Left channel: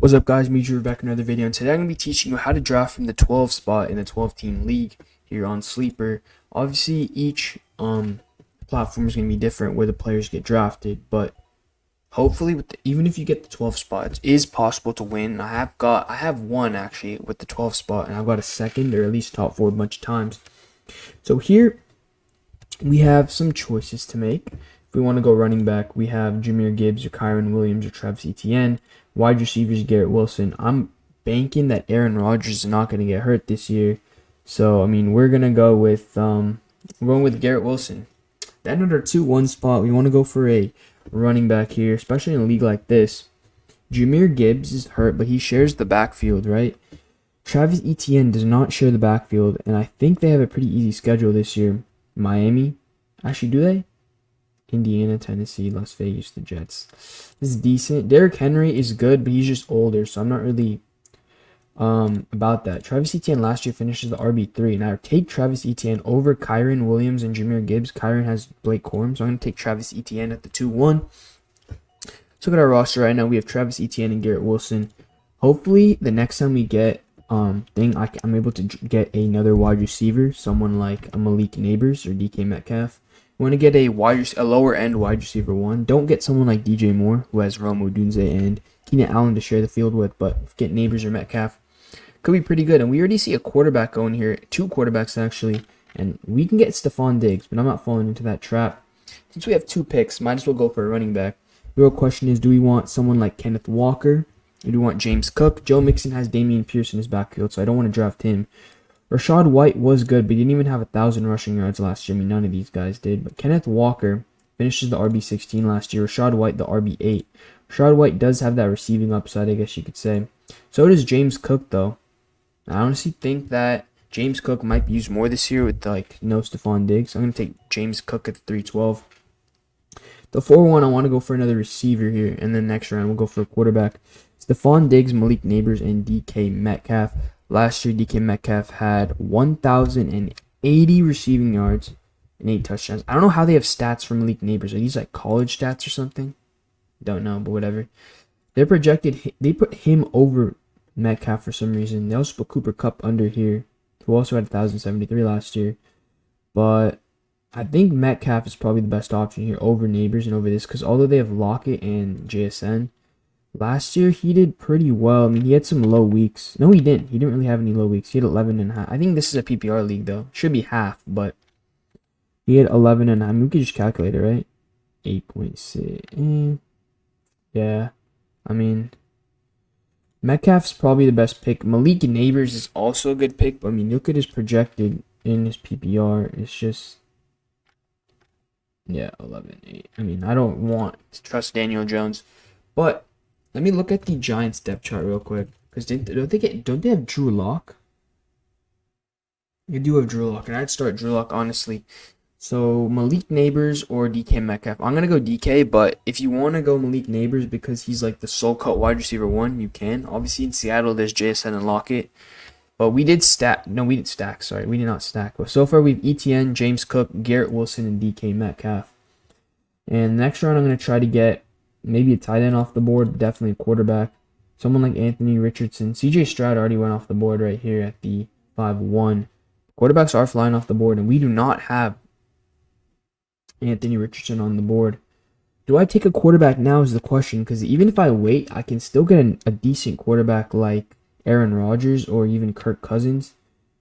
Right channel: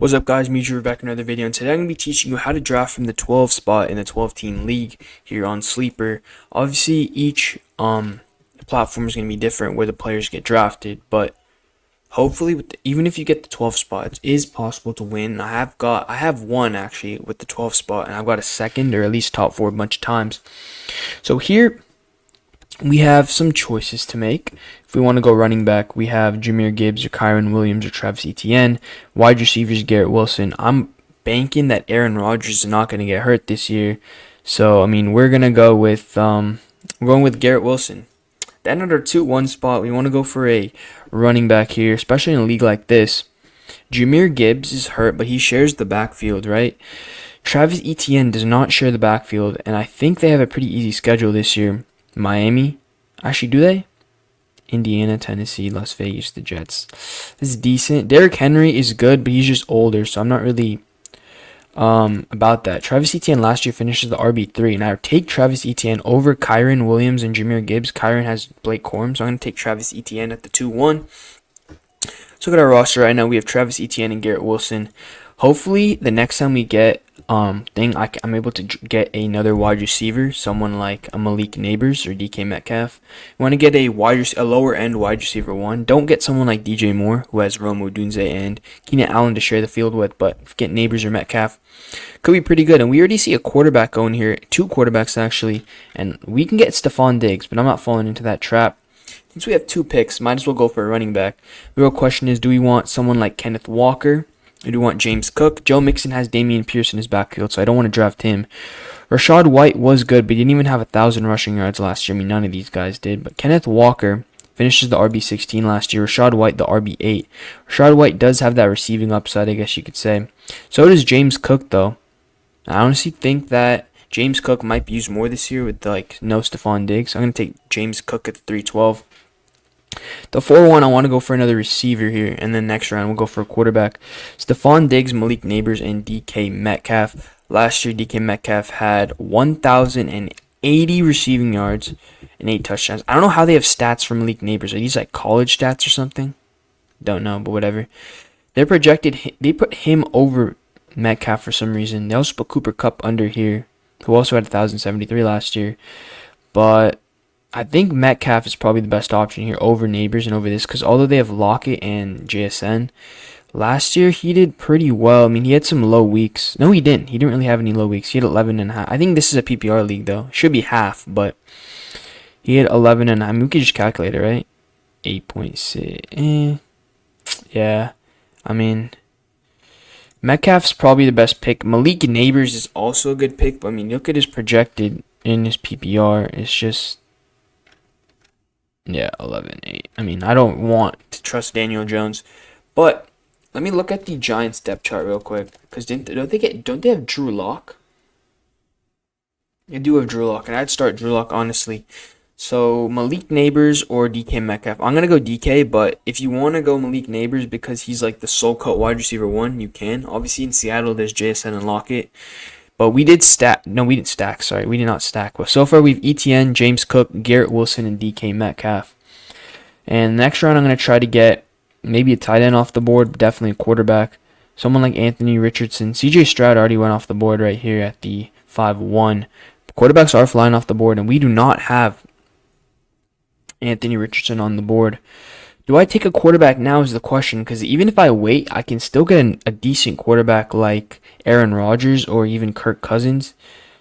What's up, guys? Me, Drew, back in another video, and today I'm going to be teaching you how to draft from the 12 spot in the 12-team league here on Sleeper. Obviously, each platform is going to be different where the players get drafted, but hopefully, even if you get the 12 spot, it is possible to win. I have won actually with the 12 spot, and I've got a second or at least top 4 a bunch of times. So here we have some choices to make. If we want to go running back, we have Jahmyr Gibbs or Kyren Williams or Travis Etienne. Wide receivers, Garrett Wilson. I'm banking that Aaron Rodgers is not going to get hurt this year. So, I mean, we're going to go with we're going with Garrett Wilson. Then under 2-1 spot, we want to go for a running back here, especially in a league like this. Jahmyr Gibbs is hurt, but he shares the backfield, right? Travis Etienne does not share the backfield, and I think they have a pretty easy schedule this year. Miami. Actually, do they? Indiana, Tennessee, Las Vegas, the Jets. This is decent. Derrick Henry is good, but he's just older, so I'm not really about that. Travis Etienne last year finishes the RB3, and I would take Travis Etienne over Kyren Williams and Jahmyr Gibbs. Kyren has Blake Corum, so I'm going to take Travis Etienne at the 2-1. So look at our roster right now. We have Travis Etienne and Garrett Wilson. Hopefully, the next time we get I'm able to get another wide receiver, someone like a Malik Neighbors or DK Metcalf. You want to get a lower end wide receiver one. Don't get someone like DJ Moore, who has Rome Odunze and Keenan Allen to share the field with, but get Neighbors or Metcalf could be pretty good. And we already see a quarterback going here, 2 quarterbacks actually, and we can get Stephon Diggs, but I'm not falling into that trap. Since we have 2 picks, might as well go for a running back. The real question is, do we want someone like Kenneth Walker? Or do we want James Cook? Joe Mixon has Dameon Pierce in his backfield, so I don't want to draft him. Rashad White was good, but he didn't even have 1,000 rushing yards last year. I mean, none of these guys did. But Kenneth Walker finishes the RB16 last year. Rashad White, the RB8. Rashad White does have that receiving upside, I guess you could say. So does James Cook, though. I honestly think that James Cook might be used more this year with, no Stephon Diggs. I'm going to take James Cook at the 312. The 4-1, I want to go for another receiver here, and then next round we'll go for a quarterback. Stephon Diggs, Malik Neighbors, and DK Metcalf. Last year, DK Metcalf had 1,080 receiving yards and 8 touchdowns. I don't know how they have stats for Malik Neighbors. Are these like college stats or something? Don't know, but whatever. They put him over Metcalf for some reason. They also put Cooper Kupp under here, who also had 1,073 last year. But I think Metcalf is probably the best option here over Neighbors and over this, because although they have Lockett and JSN, last year he did pretty well. I mean, he had some low weeks. No, he didn't. He didn't really have any low weeks. He had 11.5. I think this is a PPR league, though. Should be half, but he had 11.5. I mean, we could just calculate it, right? 8.6. Yeah. I mean, Metcalf's probably the best pick. Malik Neighbors is also a good pick, but I mean, look at his projected in his PPR. It's just... yeah, 11-8. I mean, I don't want to trust Daniel Jones, but let me look at the Giants depth chart real quick, because don't they have Drew Lock? They do have Drew Lock, and I'd start Drew Lock honestly. So Malik Neighbors or DK Metcalf. I'm gonna go DK, but if you want to go Malik Neighbors because he's like the sole cut wide receiver one, you can. Obviously in Seattle there's JSN and Lockett. But we did stack. No, we didn't stack. Sorry, we did not stack. But so far, we have Etienne, James Cook, Garrett Wilson, and DK Metcalf. And next round, I'm going to try to get maybe a tight end off the board, but definitely a quarterback. Someone like Anthony Richardson. CJ Stroud already went off the board right here at the 5-1. Quarterbacks are flying off the board, and we do not have Anthony Richardson on the board. Do I take a quarterback now is the question, because even if I wait, I can still get a decent quarterback like Aaron Rodgers or even Kirk Cousins.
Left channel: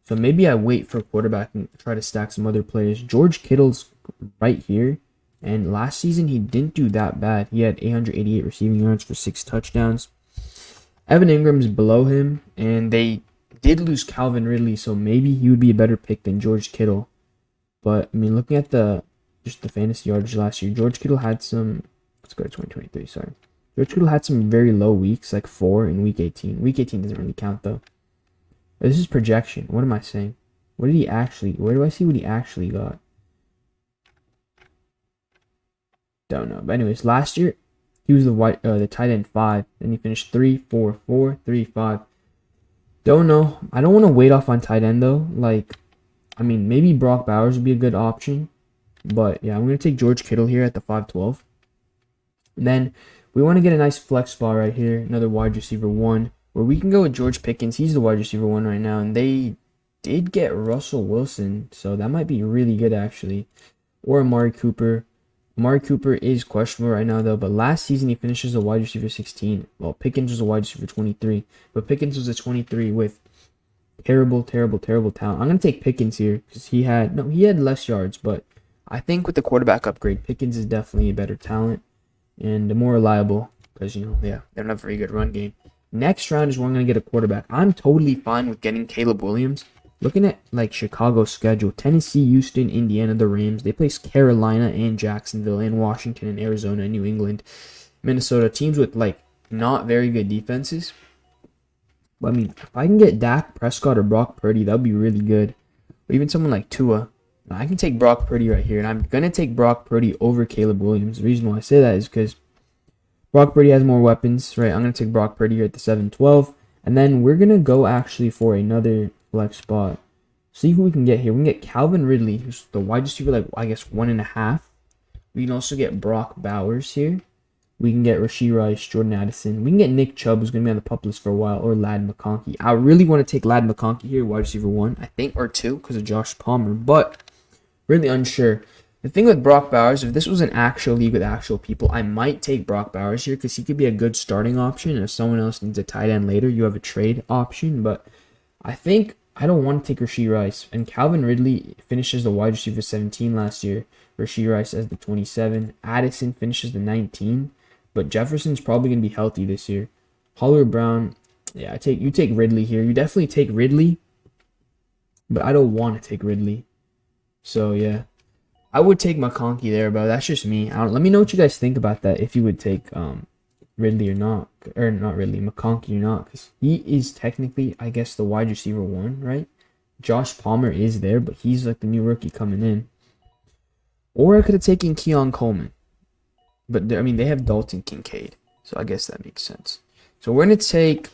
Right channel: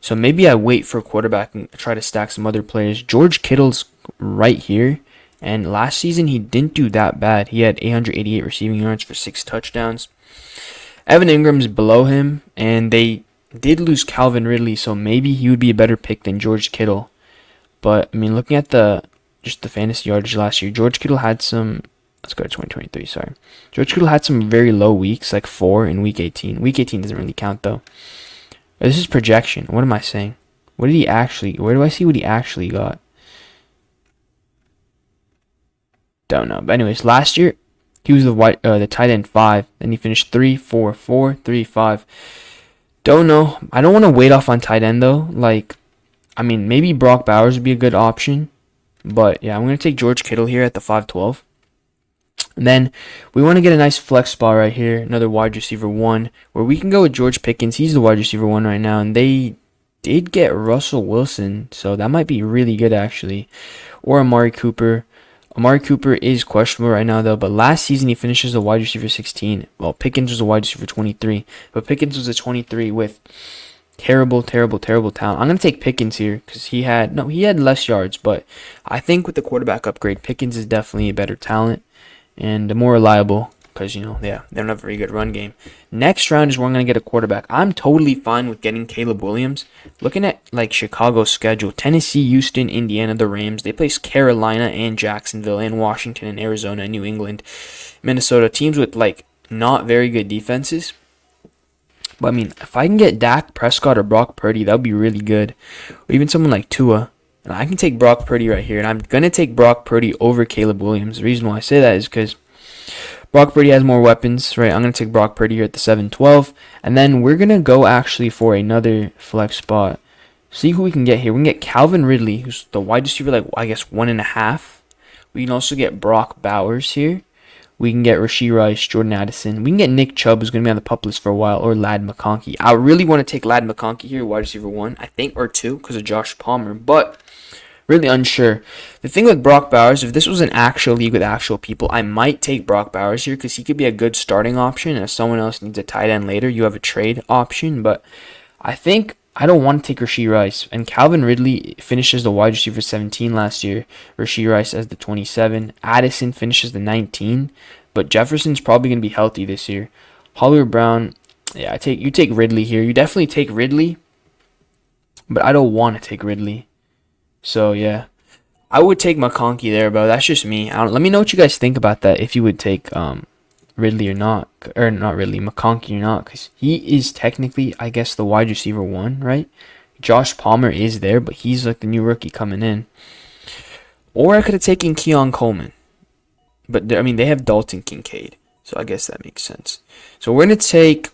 So maybe I wait for a quarterback and try to stack some other players. George Kittle's right here, and last season he didn't do that bad. He had 888 receiving yards for 6 touchdowns. Evan Ingram's below him, and they did lose Calvin Ridley, so maybe he would be a better pick than George Kittle. But, I mean, looking at the fantasy yardage last year, George Kittle had some... let's go to 2023, sorry. George Kittle had some very low weeks, like 4 in Week 18. Week 18 doesn't really count, though. This is projection. What am I saying? What did he actually... where do I see what he actually got? Don't know. But anyways, last year, he was the tight end 5. Then he finished 3, 4, 4, 3, 5. Don't know. I don't want to wait off on tight end, though. Like, I mean, maybe Brock Bowers would be a good option. But, yeah, I'm going to take George Kittle here at the 5-12. And then we want to get a nice flex spot right here, another wide receiver one, where we can go with George Pickens. He's the wide receiver one right now, and they did get Russell Wilson, so that might be really good actually. Or Amari Cooper. Amari Cooper is questionable right now though, but last season he finishes the wide receiver 16. Well, Pickens was a wide receiver 23, but Pickens was a 23 with terrible, terrible, terrible talent. I'm gonna take Pickens here because he had less yards, but I think with the quarterback upgrade, Pickens is definitely a better talent and more reliable because, yeah, they don't have a very good run game. Next round is where I'm going to get a quarterback. I'm totally fine with getting Caleb Williams. Looking at, like, Chicago's schedule, Tennessee, Houston, Indiana, the Rams. They place Carolina and Jacksonville and Washington and Arizona and New England, Minnesota. Teams with, like, not very good defenses. But, I mean, if I can get Dak Prescott or Brock Purdy, that would be really good. Or even someone like Tua. And I can take Brock Purdy right here. And I'm going to take Brock Purdy over Caleb Williams. The reason why I say that is because Brock Purdy has more weapons, right? I'm going to take Brock Purdy here at the 7-12. And then we're going to go actually for another flex spot. See who we can get here. We can get Calvin Ridley, who's the wide receiver, like, I guess, 1.5. We can also get Brock Bowers here. We can get Rashee Rice, Jordan Addison. We can get Nick Chubb, who's going to be on the pup list for a while, or Ladd McConkey. I really want to take Ladd McConkey here, wide receiver 1, I think, or 2, because of Josh Palmer. But really unsure. The thing with Brock Bowers, if this was an actual league with actual people, I might take Brock Bowers here because he could be a good starting option. And if someone else needs a tight end later, you have a trade option. But I think I don't want to take Rashee Rice. And Calvin Ridley finishes the wide receiver 17 last year. Rashee Rice as the 27. Addison finishes the 19. But Jefferson's probably going to be healthy this year. Hollywood Brown, yeah, you take Ridley here. You definitely take Ridley. But I don't want to take Ridley. So, yeah, I would take McConkey there, but that's just me. Let me know what you guys think about that, if you would take Ridley or not. Or not Ridley, McConkey or not, because he is technically, I guess, the wide receiver 1, right? Josh Palmer is there, but he's like the new rookie coming in. Or I could have taken Keon Coleman. But, I mean, they have Dalton Kincaid, so I guess that makes sense. So we're going to take...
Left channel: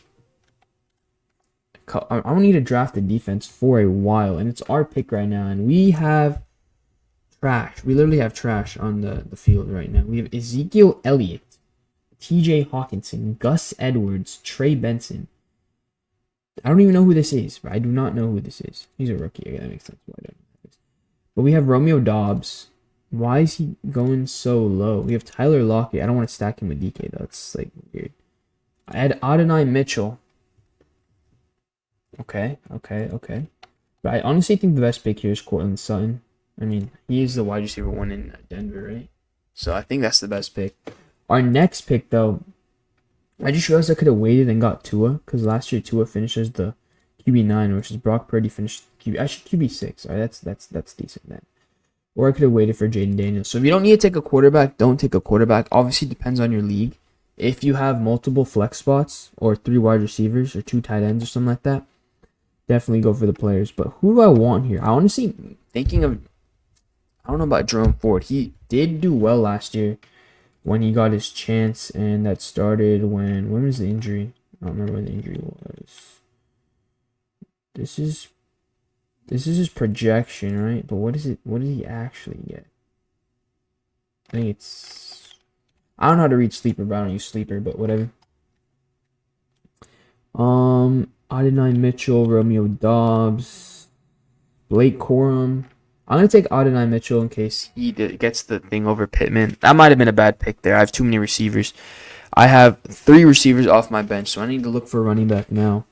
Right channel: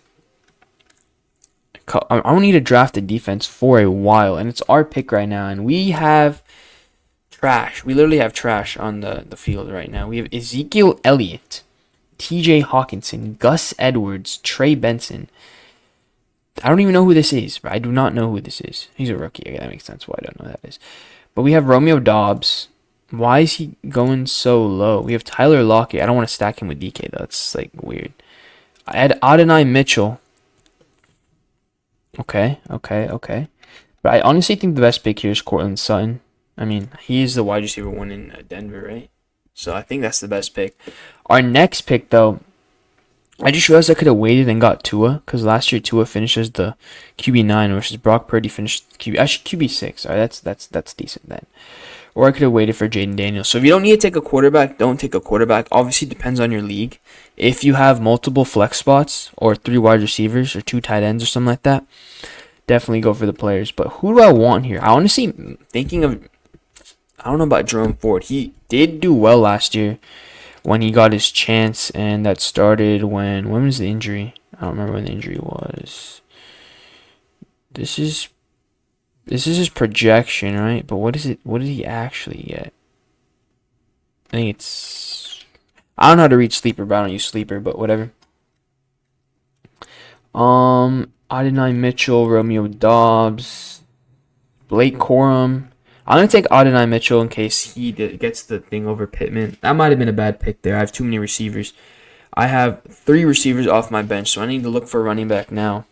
I don't need to draft a defense for a while, and it's our pick right now, and we have trash. We literally have trash on the field right now. We have Ezekiel Elliott, TJ Hawkinson, Gus Edwards, Trey Benson. I don't even know who this is. I do not know who this is. He's a rookie. Okay, that makes sense why I don't know who that is. But we have Romeo Doubs. Why is he going so low? We have Tyler Lockett. I don't want to stack him with DK, though. It's, like, weird. I had Adonai Mitchell. Okay. But I honestly think the best pick here is Courtland Sutton. I mean, he is the wide receiver 1 in Denver, right? So I think that's the best pick. Our next pick, though, I just realized I could have waited and got Tua, because last year Tua finishes the QB9, versus Brock Purdy finished QB6. All right, that's decent then. Or I could have waited for Jaden Daniels. So if you don't need to take a quarterback, don't take a quarterback. Obviously, it depends on your league. If you have multiple flex spots or 3 wide receivers or 2 tight ends or something like that, definitely go for the players. But who do I want here? I honestly thinking of, I don't know about Jerome Ford. He did do well last year when he got his chance, and that started when was the injury? I don't remember when the injury was. This is his projection, right? But what is it? What did he actually get? I think it's... I don't know how to read Sleeper, but I don't use Sleeper, but whatever. Adonai Mitchell, Romeo Doubs, Blake Corum. I'm going to take Adonai Mitchell in case he gets the thing over Pittman. That might have been a bad pick there. I have too many receivers. I have 3 receivers off my bench, so I need to look for a running back now.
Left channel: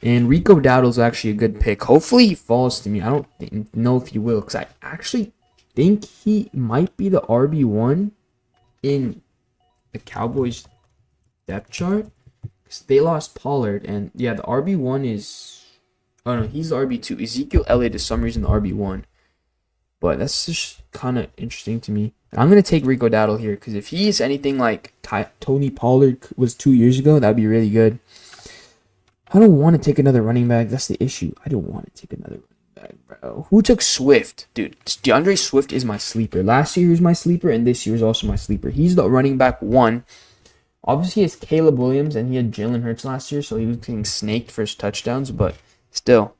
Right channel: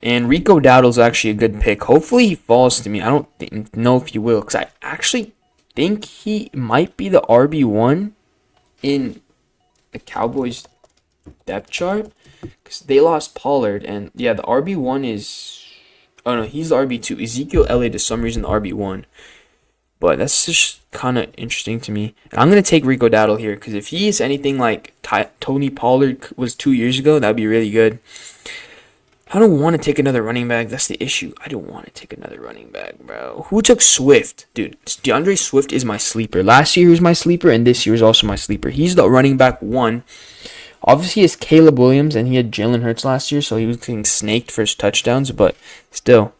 And Rico Dowdle's actually a good pick. Hopefully he falls to me. I don't know if he will, because I actually think he might be the RB1 in the Cowboys depth chart. Because they lost Pollard, and yeah, the RB1 is... Oh no, he's the RB2. Ezekiel Elliott is some reason the RB1. But that's just kind of interesting to me. And I'm going to take Rico Dowdle here, because if he is anything like Tony Pollard was 2 years ago, that would be really good. I don't want to take another running back. That's the issue. I don't want to take another running back, bro. Who took Swift? Dude, DeAndre Swift is my sleeper. Last year was my sleeper, and this year is also my sleeper. He's the running back 1. Obviously, it's Caleb Williams, and he had Jalen Hurts last year, so he was getting snaked for his touchdowns, but still.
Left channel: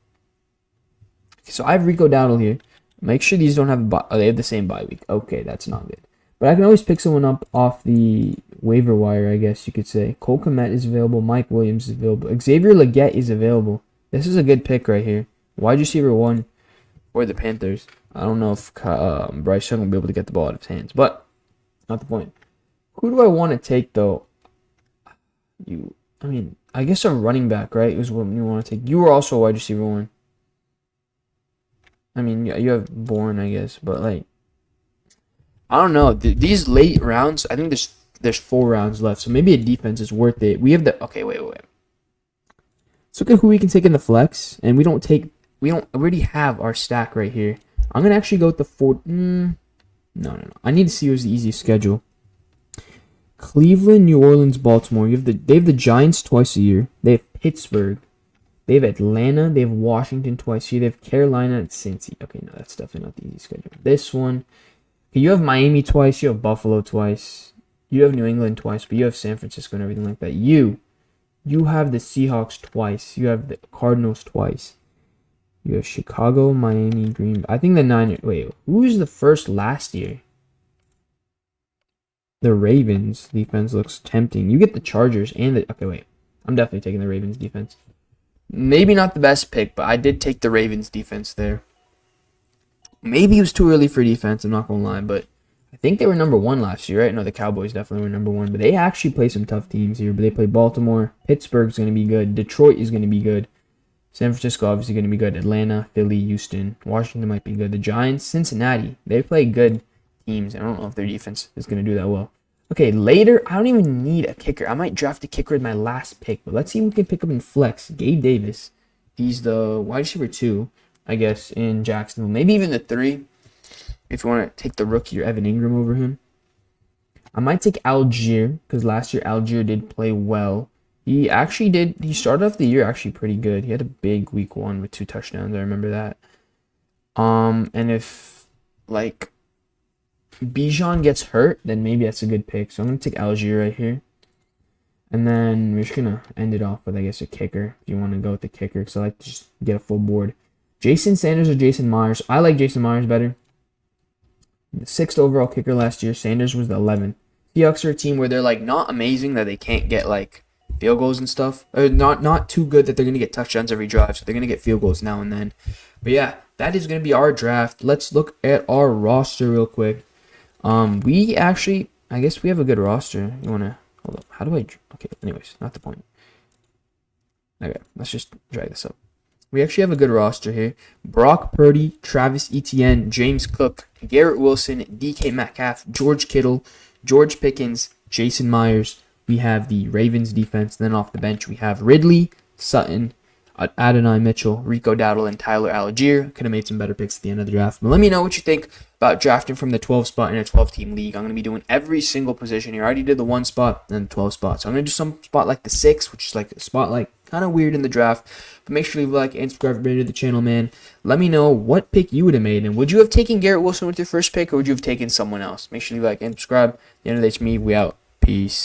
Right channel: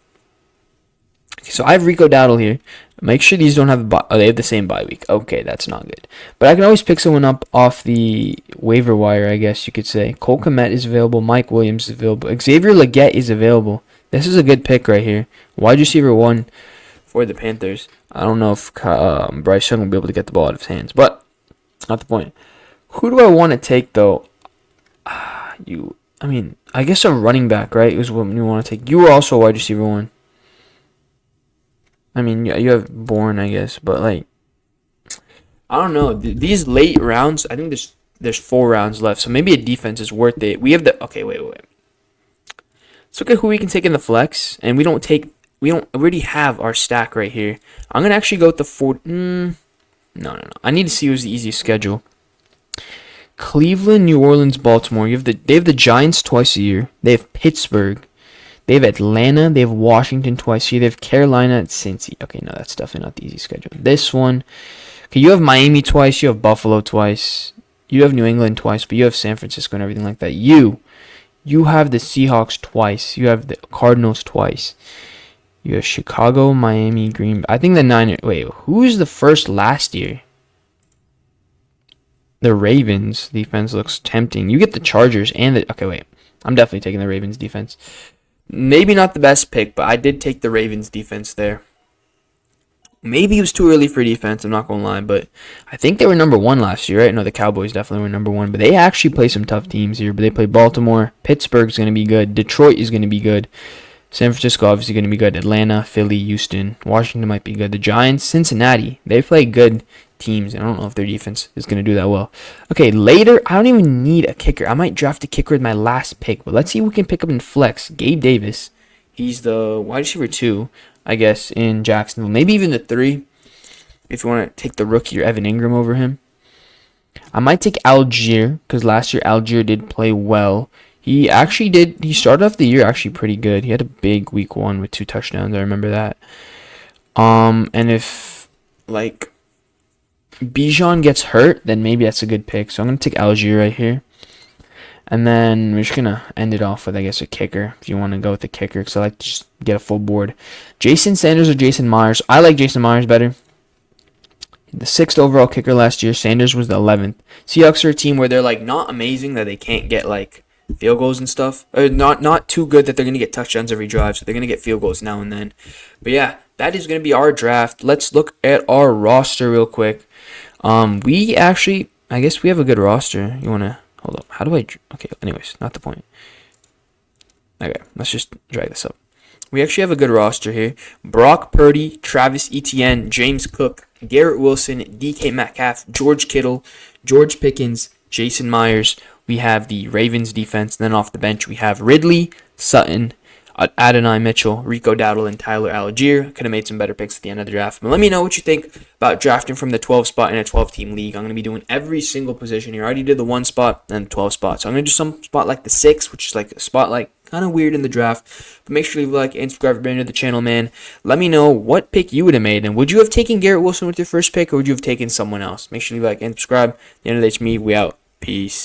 Okay, so I have Rico Dowdle here. Make sure these don't have they have the same bye week. Okay, that's not good. But I can always pick someone up off the waiver wire, I guess you could say. Cole Kmet is available. Mike Williams is available. Xavier Legette is available. This is a good pick right here. Wide receiver 1 for the Panthers. I don't know if Bryce Young will be able to get the ball out of his hands, but not the point. Who do I want to take though? I guess a running back, right? Is what you want to take. You were also a wide receiver 1. I mean, yeah, you have Bourne, I guess, but like, I don't know. These late rounds, I think there's 4 rounds left, so maybe a defense is worth it. We have the wait. Let's look at who we can take in the flex, and we already have our stack right here. I'm gonna actually go with the 4. No. I need to see who's the easiest schedule. Cleveland, New Orleans, Baltimore. They have the Giants twice a year. They have Pittsburgh. They have Atlanta. They have Washington twice a year. They have Carolina and Cincy. Okay, no, that's definitely not the easy schedule. This one. Okay, you have Miami twice. You have Buffalo twice. You have New England twice, but you have San Francisco and everything like that. You have the Seahawks twice. You have the Cardinals twice. You have Chicago, Miami, Green Bay. I think the Niners. Wait, who's the first last year? The Ravens defense looks tempting. You get the Chargers and the... Okay, wait. I'm definitely taking the Ravens defense. Maybe not the best pick, but I did take the Ravens defense there. Maybe it was too early for defense, I'm not going to lie, but I think they were number 1 last year, right? No, the Cowboys definitely were number 1, but they actually play some tough teams here. But they play Baltimore. Pittsburgh's going to be good. Detroit is going to be good. San Francisco obviously going to be good. Atlanta, Philly, Houston. Washington might be good. The Giants, Cincinnati. They play good teams. I don't know if their defense is going to do that well. Okay, later, I don't even need a kicker. I might draft a kicker with my last pick, but let's see who we can pick up in flex. Gabe Davis. He's the wide receiver 2, I guess, in Jacksonville. Maybe even the 3 if you want to take the rookie or Evan Ingram over him. I might take Algier because last year Algier did play well. He started off the year actually pretty good. He had a big week 1 with 2 touchdowns. I remember that. And if, like, Bijan gets hurt, then maybe that's a good pick. So I'm going to take Algier right here. And then we're just going to end it off with, I guess, a kicker. If you want to go with a kicker, because I like to just get a full board. Jason Sanders or Jason Myers? I like Jason Myers better. The 6th overall kicker last year. Sanders was the 11th. Seahawks are a team where they're, like, not amazing that they can't get, like, field goals and stuff. Not too good that they're going to get touchdowns every drive, so they're going to get field goals now and then. But yeah, that is going to be our draft. Let's look at our roster real quick. We actually, I guess we have a good roster. You want to, hold up. How do I, okay, anyways, not the point. Okay, let's just drag this up. We actually have a good roster here. Brock Purdy, Travis Etienne, James Cook, Garrett Wilson, DK Metcalf, George Kittle, George Pickens, Jason Myers. We have the Ravens defense. Then off the bench, we have Ridley, Sutton, Adonai Mitchell, Rico Dowdle, and Tyler Algier. Could have made some better picks at the end of the draft. But let me know what you think about drafting from the 12 spot in a 12-team league. I'm going to be doing every single position here. I already did the 1 spot and the 12 spot. So I'm going to do some spot like the 6, which is like a spot like kind of weird in the draft. But make sure you leave a like and subscribe if you're new to the channel, man. Let me know what pick you would have made. And would you have taken Garrett Wilson with your first pick, or would you have taken someone else? Make sure you leave a like and subscribe. At the end of the day, it's me. We out. Peace.